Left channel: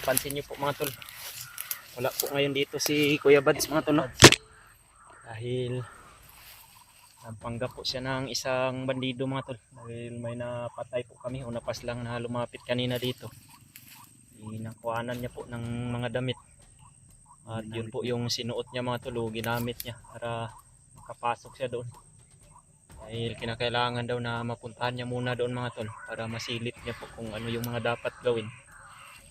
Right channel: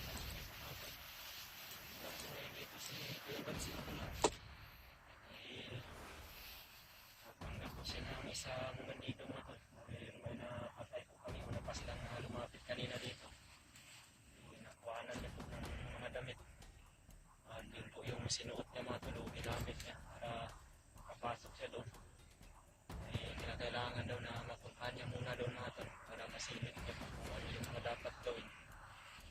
mapansin nyo po mga tol, wala po ngayon dito si Kuya Bads mga tol, no? Dahil nagpanggap po siya ng isang bandido mga tol, dahil may napatay po kami o napas lang na lumapit kanina dito. Nakuhanan niya po ng mga damit at yun po yung sinuot niya mga tol, ginamit niya para makapasok siya doon. Dahil kinakailangan daw na mapuntahan niya muna doon mga tol para masilip niya po kung ano yung mga dapat gawin.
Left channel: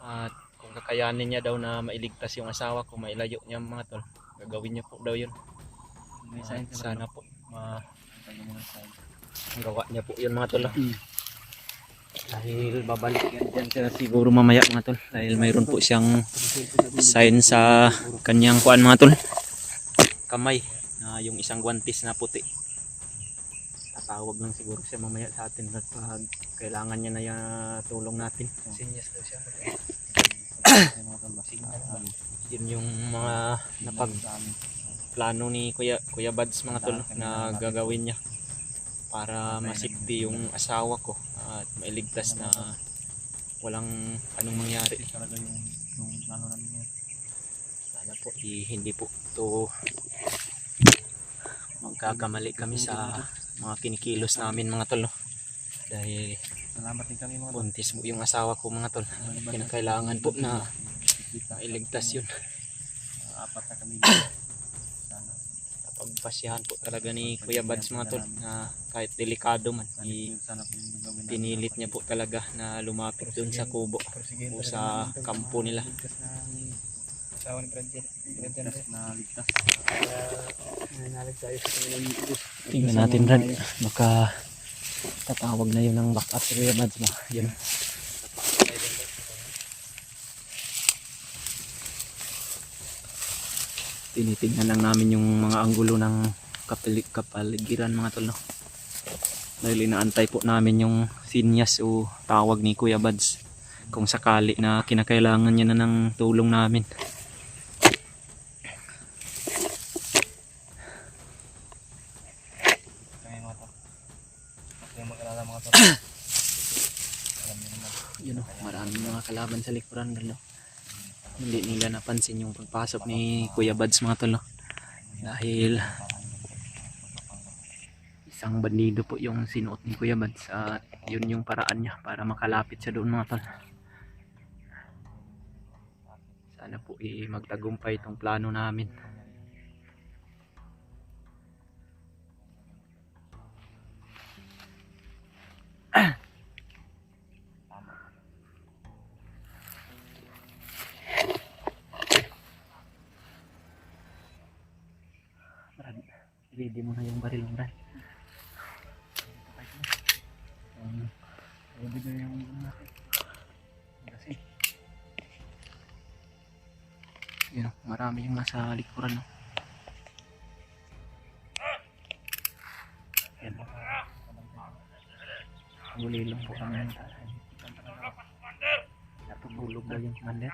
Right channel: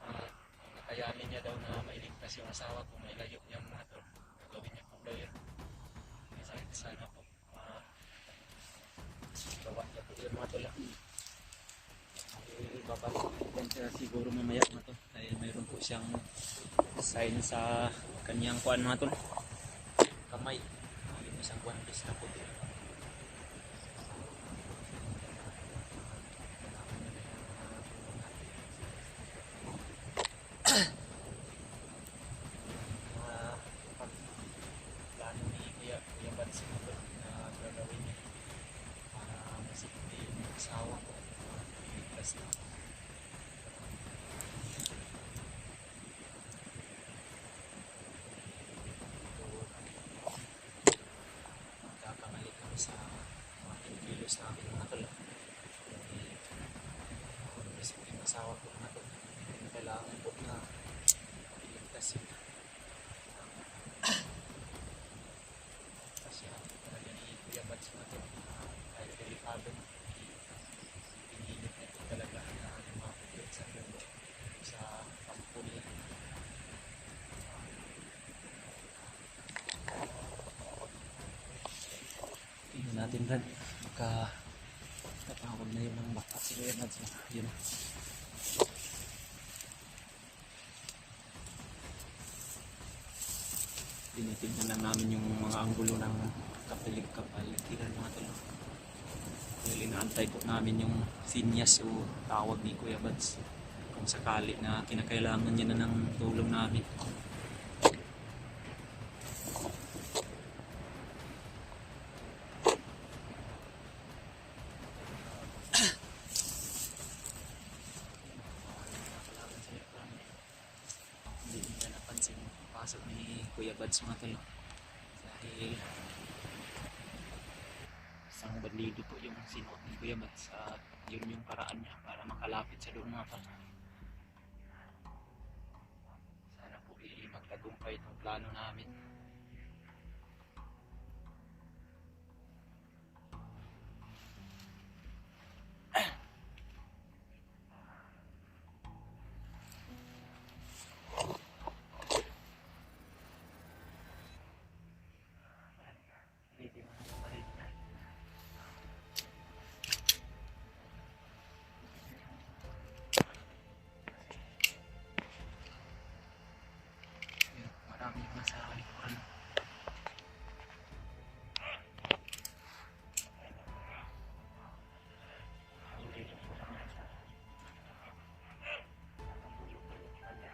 At kung kakayanin niya daw na mailigtas yung asawa ko, mailayo niya mga tol, gagawin niya po daw yun. Sana po ang gawa niya po yun mga tol. Dahil babalik yan dyan siya siguro mamaya mga tol, dahil mayroon po siyang sign sa kanyang kuan mga tol, kamay, yung isang guwantes na puti. Tatawag lang siguro siya mamaya sa atin at kailangan niya na yung tulong natin. Sinyas daw siya. Yun yung mga napagplano ni Kuya Bads mga tol na gagawin niya para masipti yung asawa ko at mailigtas na walang anong mangyari. Hindi po ito magkakamali kami sa mga kinikilos namin mga tol, no? Dahil buntis po yung asawa ko mga tol, kinakailangan po na mailigtas yun. Pagpasyahan po talaga ni Kuya Bads mga tol na kahit delikado man, pinilit niya po talaga na lumapit dun sa kubo o sa kampo nila. Tingnan natin Brad, baka tatawag na yun ng backup si Kuya Bads mo. Yun. Tinitingnan lang namin yung mga anggulo ng kapaligiran mga tol, no? Dahil inaantay po namin yung sinyas o tawag ni Kuya Bads kung sakali na kinakailangan niya na ng tulong namin. Yun, maraming mga kalaban sa likuran, no? Hindi nila napansin yung pagpasok ni Kuya Bads mga tol, no? Dahil isang bandido po yung sinuot ni Kuya Bads at yun yung paraan niya para makalapit siya doon mga tol. Sana po magtagumpay itong plano namin. Ready mo na yung baril mo, Brad. Yun, marami yung nasa likuran, no? Yan. Huli lang po kami ng tasan. Natubulog na yung commander.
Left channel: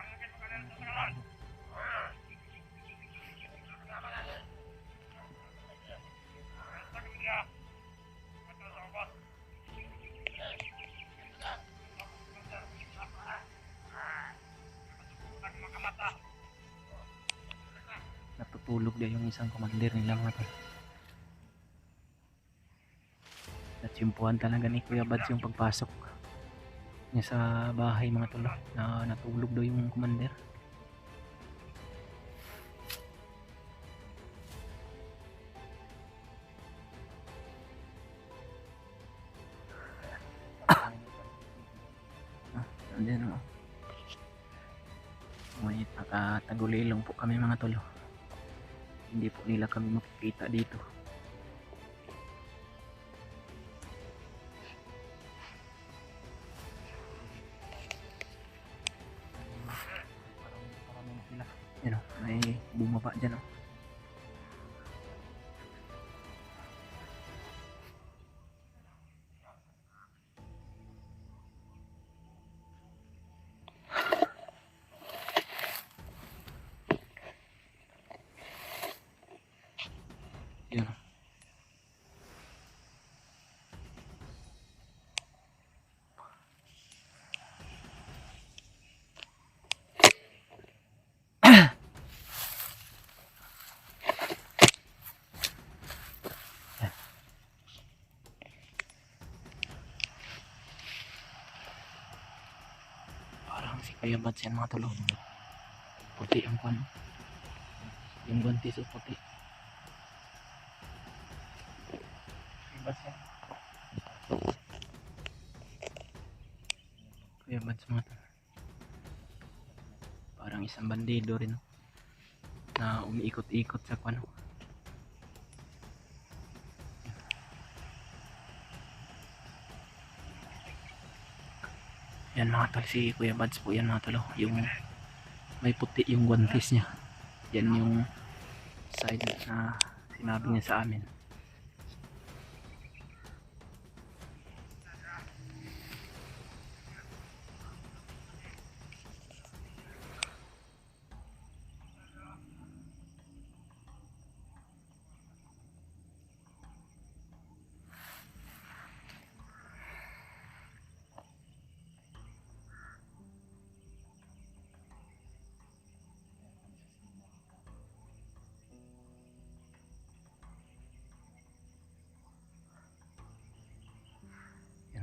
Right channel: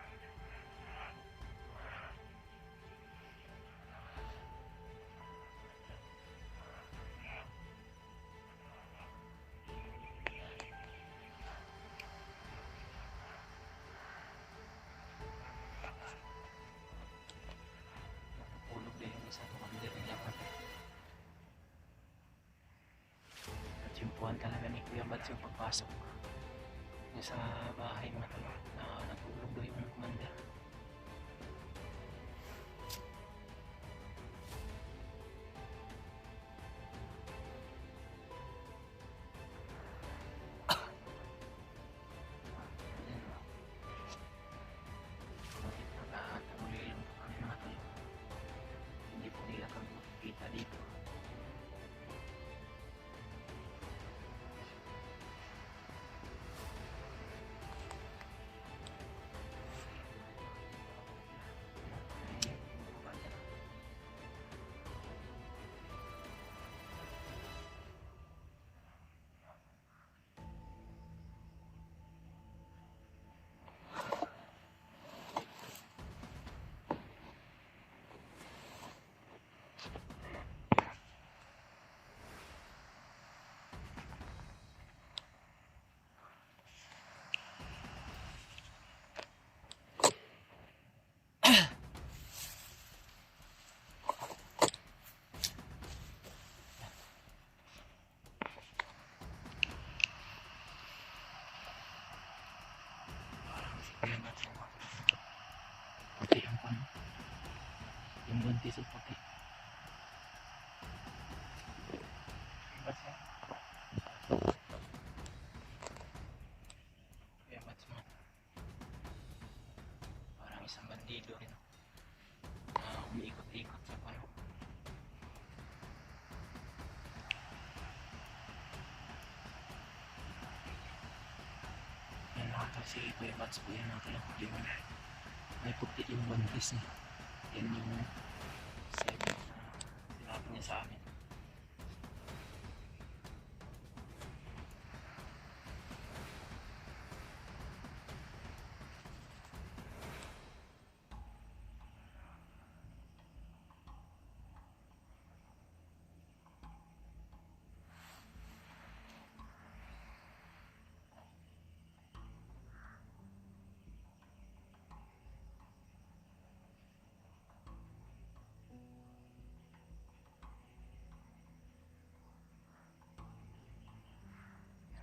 Natutulog na yung isang commander nila mga tol. Natsimpuhan talaga ni Kuya Bads yung pagpasok niya sa bahay mga tol, na natulog daw yung commander. Andyan, no? May nakatagulilong po kami mga tol. Hindi po nila kami makikita dito. Yan, may bumaba dyan, no? si Kuya Bats yan mga tol. Puti ang pan. Yung buntis o puti. Kuya Bats yan. Kuya Bats mga tol. Parang isang bandido rin, no? Na umiikot-ikot sa kwano. Yan mga tol, si Kuya Bats po yan mga tol. Yung may puti yung guantes niya. Yan yung side na sinabi niya sa amin.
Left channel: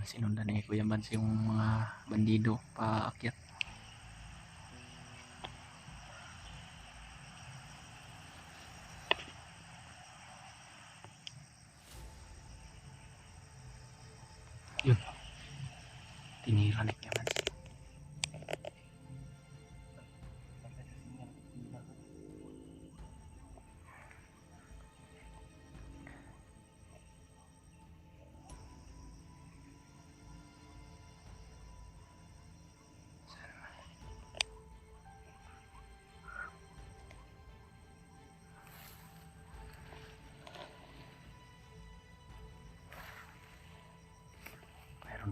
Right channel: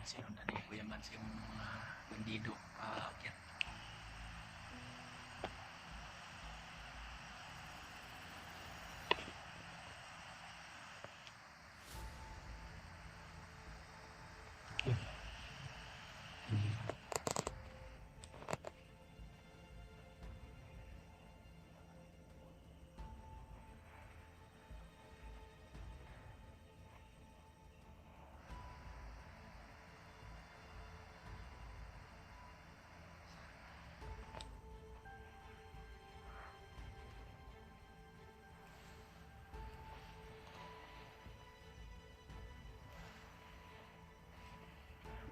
Sinundan ni Kuya Bats yung mga bandido paakyat. Yun, tinira ni Kuya Bats.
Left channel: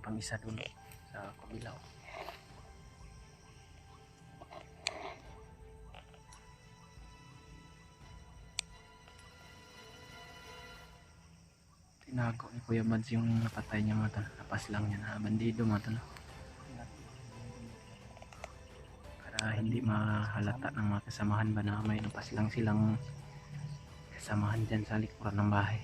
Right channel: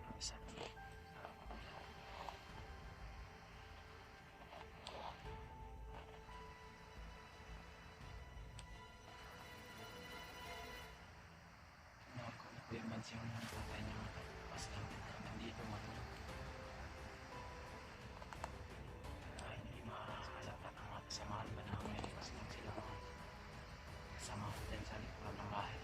Pang isa dulo sa kabilaw. Tinago ni Kuya Bats yung napatay niya mga tol. Lapas lang niya na bandido mga tol. Para hindi mahalata ng mga kasamahan ba na may lapas lang silang kasamahan dyan sa likuran ng bahay.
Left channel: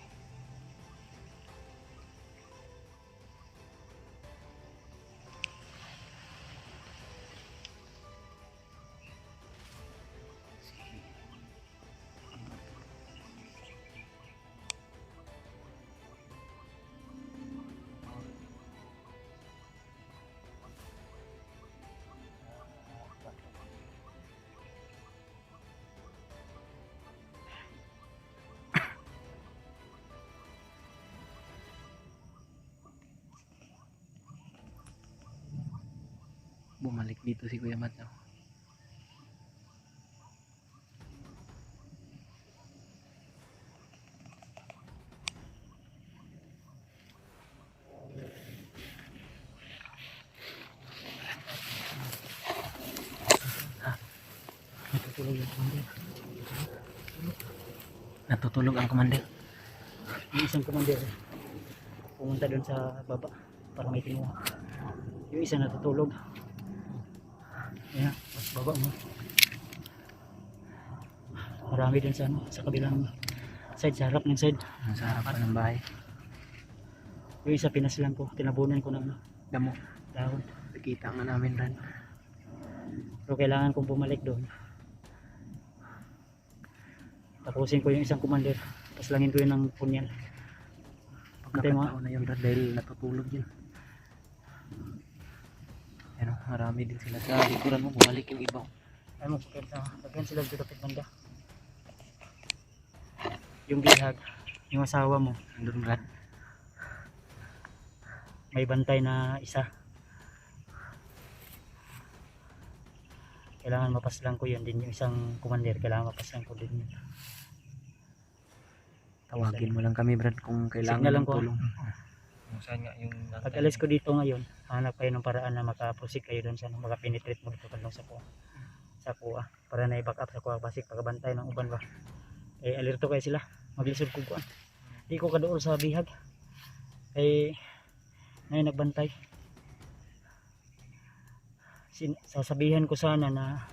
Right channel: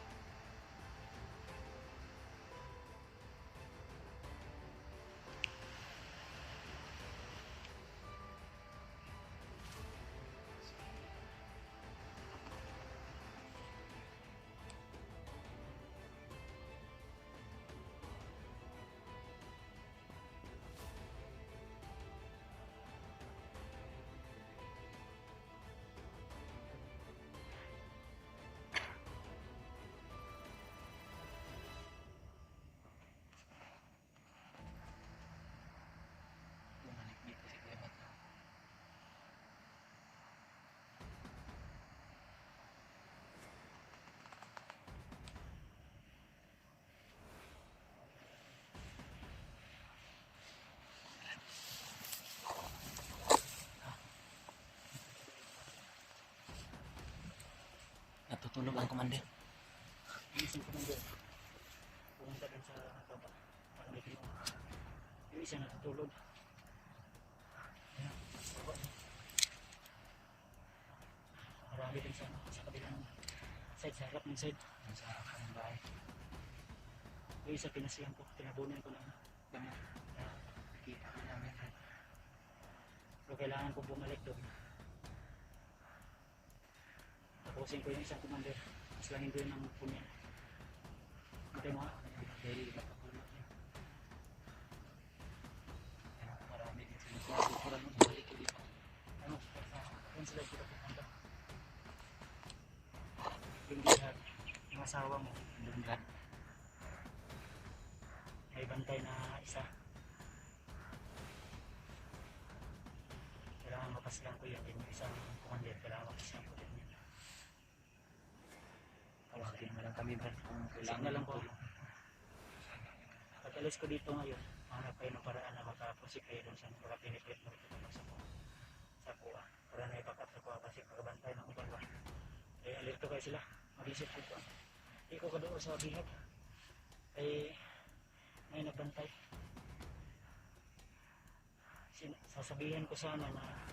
Bumalik dito si Kuya Bats. Natutulog ang komander. Yung isang commander pumunta doon sa baba para may kinuha. Yung isa natutulog. Ayan, pas baba mo. Marami din sa ano, sa kabilang side, sa harap ng side. Sa harapan ng bahay. Yung isa pinaslang ko, tinabunan ko ng Damo. dahon. Nakita nga namin rin. Pero kailangan kong bumalik doon. Tapusin ko yung isang commander. Paslangin ko yun ng punyal. Pagkakataon na yun dahil natutulog yun. Ano, marami din sila sa likuran mo. Bumalik yung iba. Ano, sakyan sila dito kapit banda. Yung bihag, yung asawa mo, Andun Brad. may bantay na isa. Kailangan mapaslang ko yun din yung isang commander. Kailangan mapaslang ko din yun. Tawagin mo lang kami Brad kung kailangan Signal lang ng ko. tulong. Pag alis ko dito ngayon, hanap kayo ng paraan na makaprosik kayo doon sa makapenetrate mo dito kandong sa kuha para na i-back up sa kuha pasik pagkabantay ng uban ba. Eh alerto kayo sila, maglisod ko kuan. Di ko kadool sa bihag. Eh ngayon nagbantay. Sasabihan ko sana na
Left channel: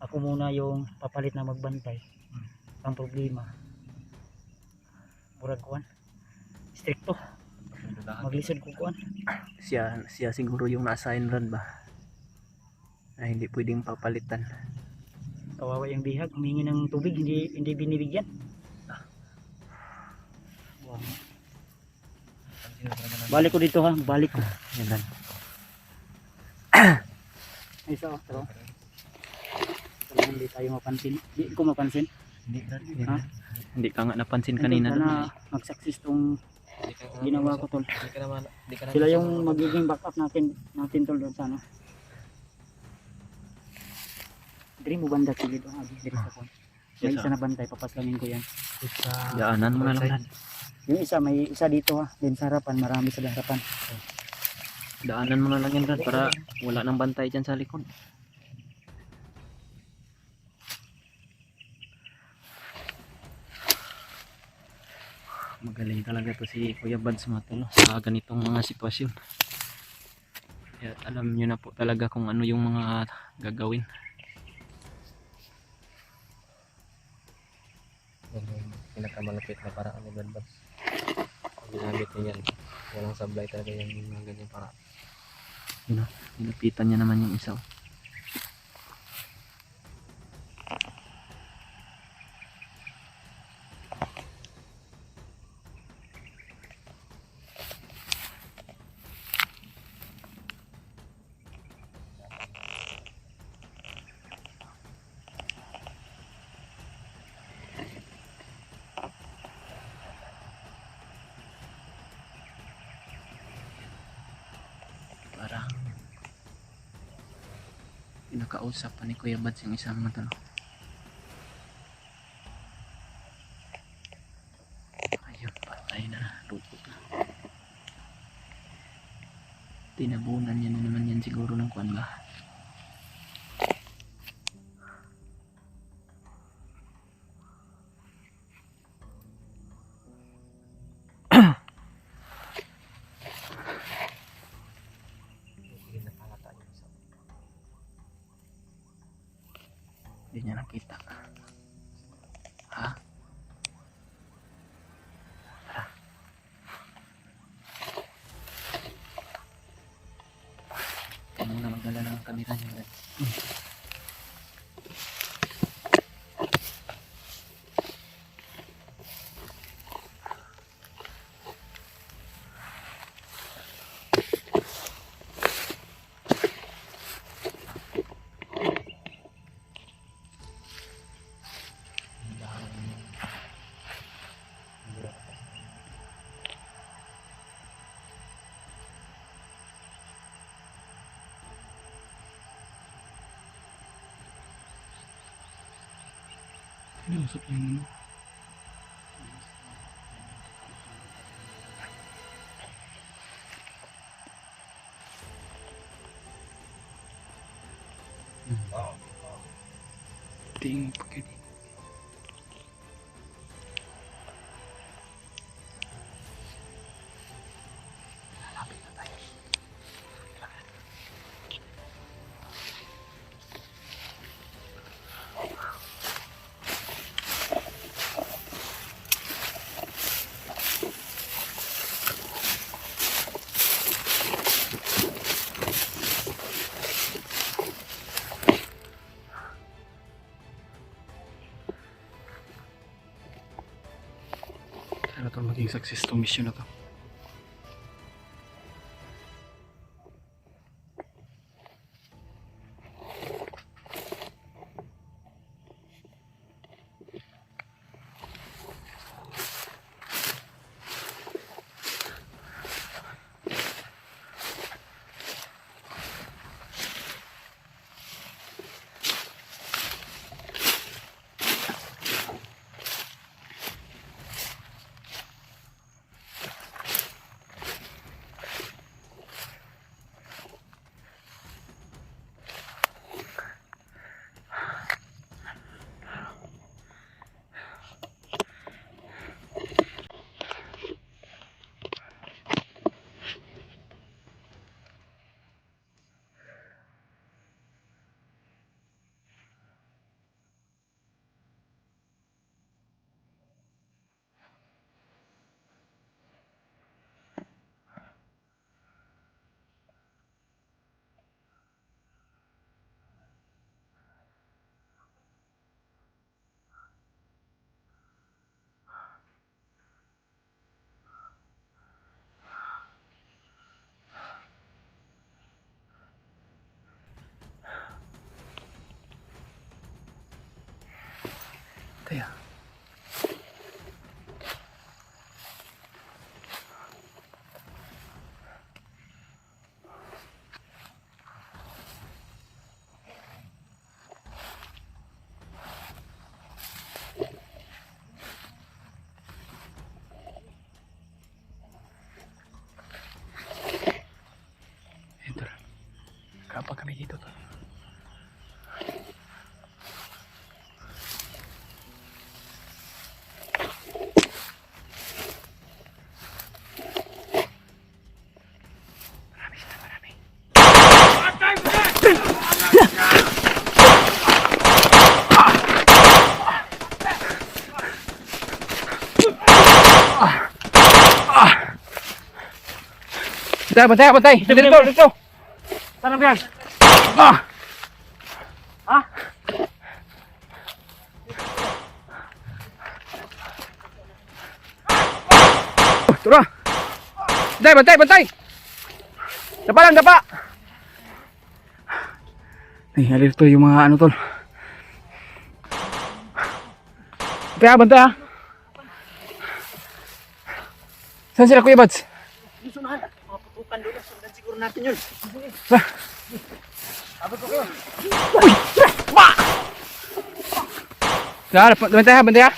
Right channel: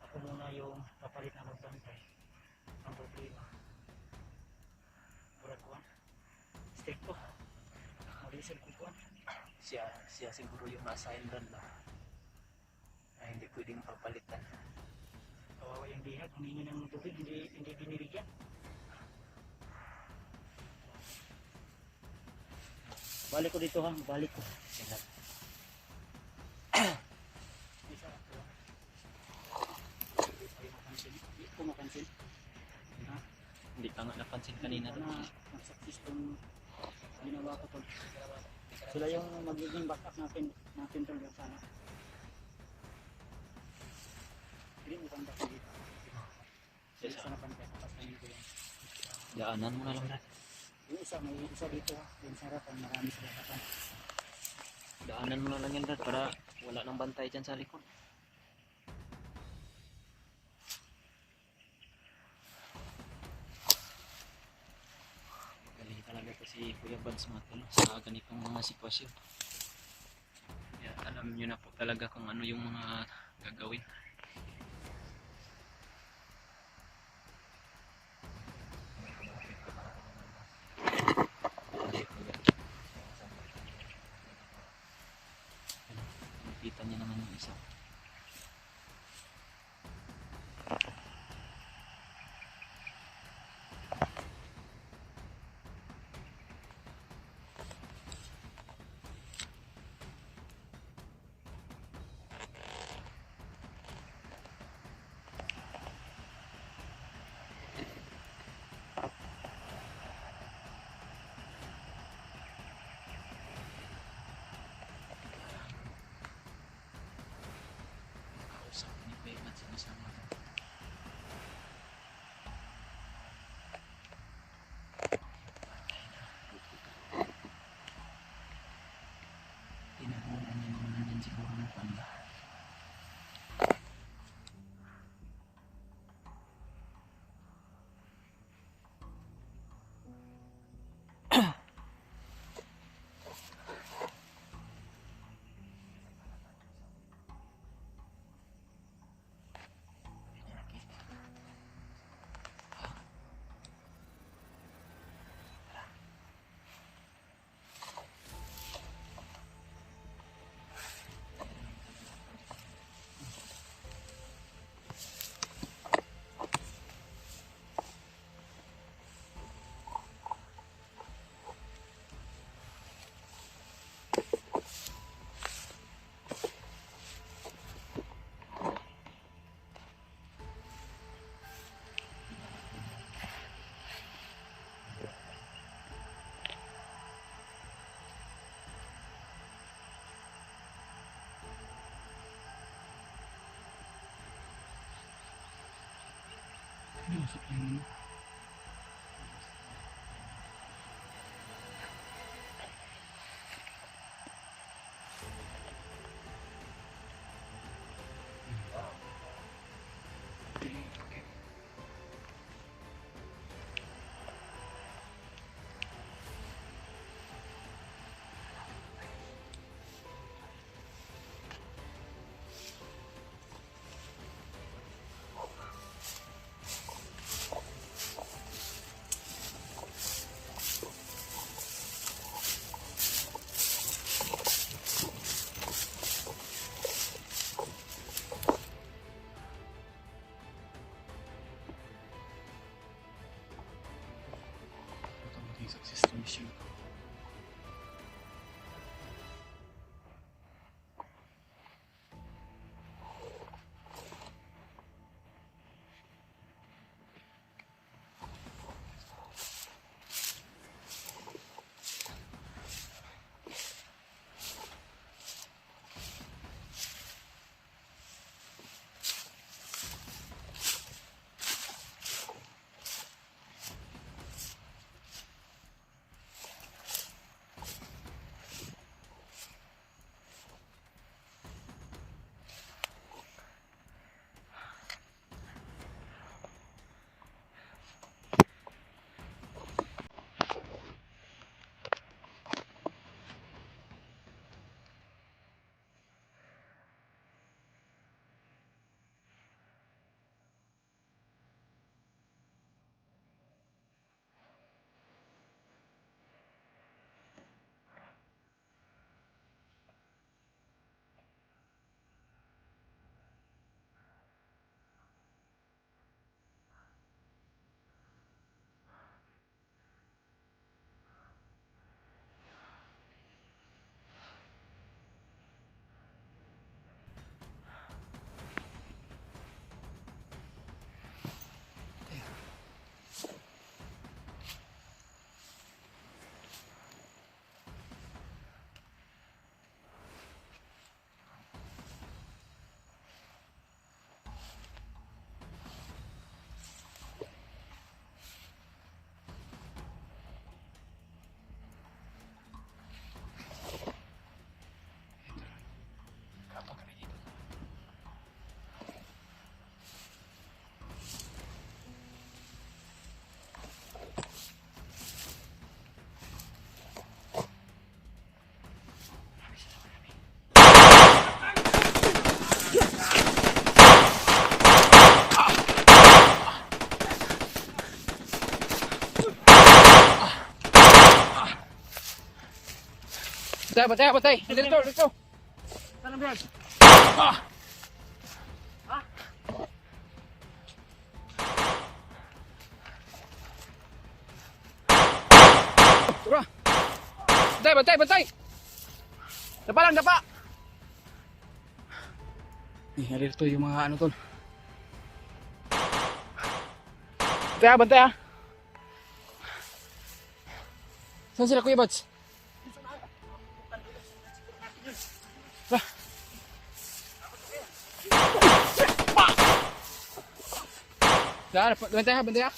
ako muna yung papalit na magbantay. Ang problema, murag kuan, stricto. Maglisod ko kuan. Siya siguro yung na-assign Brad ba? Na na hindi pwedeng papalitan. Kawawa yung bihag, humingi ng tubig, hindi binibigyan. Wow. Balik ko dito ha, balik ko. Yan. Isa oh, pero parang hindi tayo mapansin. Hindi ko mapansin. Ha? Hindi ka nga napansin kanina Sana doon. mag-success tong ginawa ko tol. Sila yung magiging backup natin tol doon sana. Diri mo banda sige doon, diri sa kon. May isa na bantay, papaslamin ko yan. Daanan mo na lang. Brad. Yung isa, may isa dito ha, din sa harapan, marami sa harapan. Daanan mo na lang yan, Brad, para wala nang bantay dyan sa likod. Magaling talaga to si Kuya Bads mga tol, no, sa ganitong mga sitwasyon. Kaya alam nyo na po talaga kung ano yung mga gagawin. Pinakamalapit na paraan ng ganda. Ginamit niya yan. Walang sablay talaga yung ganyan para. Yun o, pinapitan niya naman yung isa. Parang pinakausap pa ni Kuya Bads yung isang mata. Ayun, patay na. Rupot na. Tinabunan niya na naman yan siguro ng kwan ba. Hindi niya nakita. Ha? Tara. Ano na magdala ng kamera niya. Masuk yang ini. Ting pakai. Sana to maging success tong mission na to. Bantay ah. Ito lang. Kapag kami dito to. Marami sila, marami. Bantay, bantay, bantay. Dito, dito. Tanong yan. Ah! Ha? Tara. Bantay, bantay, bantay. Dapa lang, dapa. Ay, alito yung mga ano tol. Kaya bantay ha. Saan sila Kuya Bads? Yung sunahan. Mga putukan doon. Sundan siguro natin yun. Abot ko kayo. Bantay ha, bantay ha.